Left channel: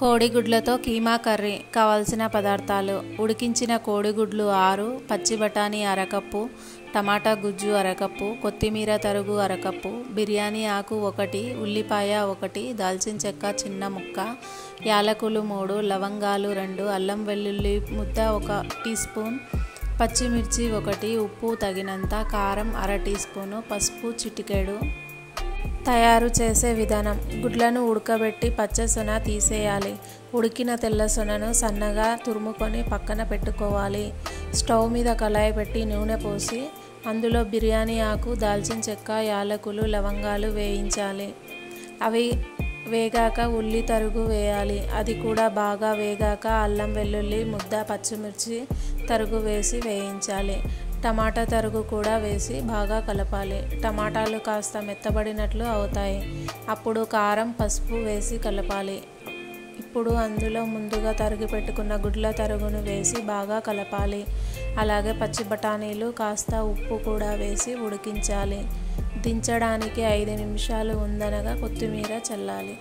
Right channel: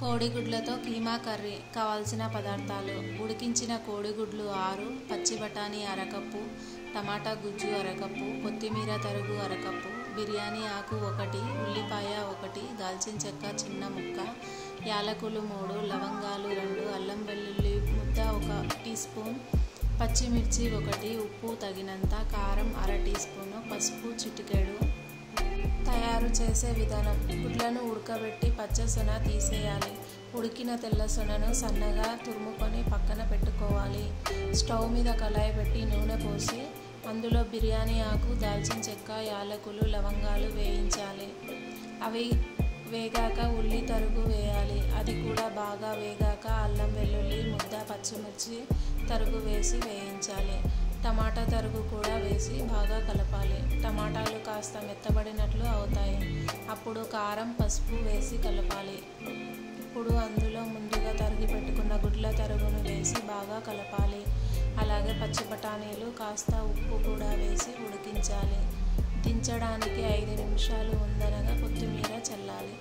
కోడిగుడ్లతో keema curry కావాల్సిన పదార్థాలు: ఉడికించిన కోడిగుడ్లు 6, పచ్చి బఠానీ అరకప్పు, టమాటా గుజ్జు అరకప్పు, కొత్తిమీర తరుగు అరకప్పు, బిర్యానీ ఆకు 1, ఉల్లిపాయ 1, దాల్చిన చెక్క చిన్న ముక్క, యాలకులు 3, లవంగాలు 2, అల్లం వెల్లుల్లి ముద్ద 1 టీ స్పూన్, పచ్చిమిర్చి 1, ఉప్పు తగినంత, కారం అర టీ స్పూను, పసుపు చిటికెడు. తయారు చేసే విధానం: గుడ్లను ఉడకబెట్టి పచ్చ సొన తీసేయాలి. ఉడికిన తెల్ల సొనను సన్నగా తురుముకొని పక్కన పెట్టుకోవాలి. స్టవ్ మీద కళాయి పెట్టి నూనె పోసి అందులో బిర్యానీ ఆకు, దాల్చిన చెక్క, యాలకులు, లవంగాలు వేయించాలి. అవి వేగాక ఉల్లి తరుగు వేయాలి. అది కూడా బాగా వేగాక అల్లం వెల్లుల్లి ముద్ద, పచ్చిమిర్చి తరుగు వేసి వేయించాలి. టమాటా తరుగు కూడా వేసి బాగా కలపాలి. టమాటాలు కాస్త మెత్తబడినట్లు అవుతాయి. అప్పుడు కారం, పసుపు వేసి కలపాలి. ఇప్పుడు అందులో ముందుగా తరిగి పెట్టుకున్న గుడ్ల తరుగును వేసి బాగా కలపాలి. అలాగే పచ్చి బఠానీలు, కాస్త ఉప్పు కూడా వేసి ఉడికించాలి. దించడానికి 5 నిమిషాలు ఉందనగా కొత్తిమీర చల్లాలి.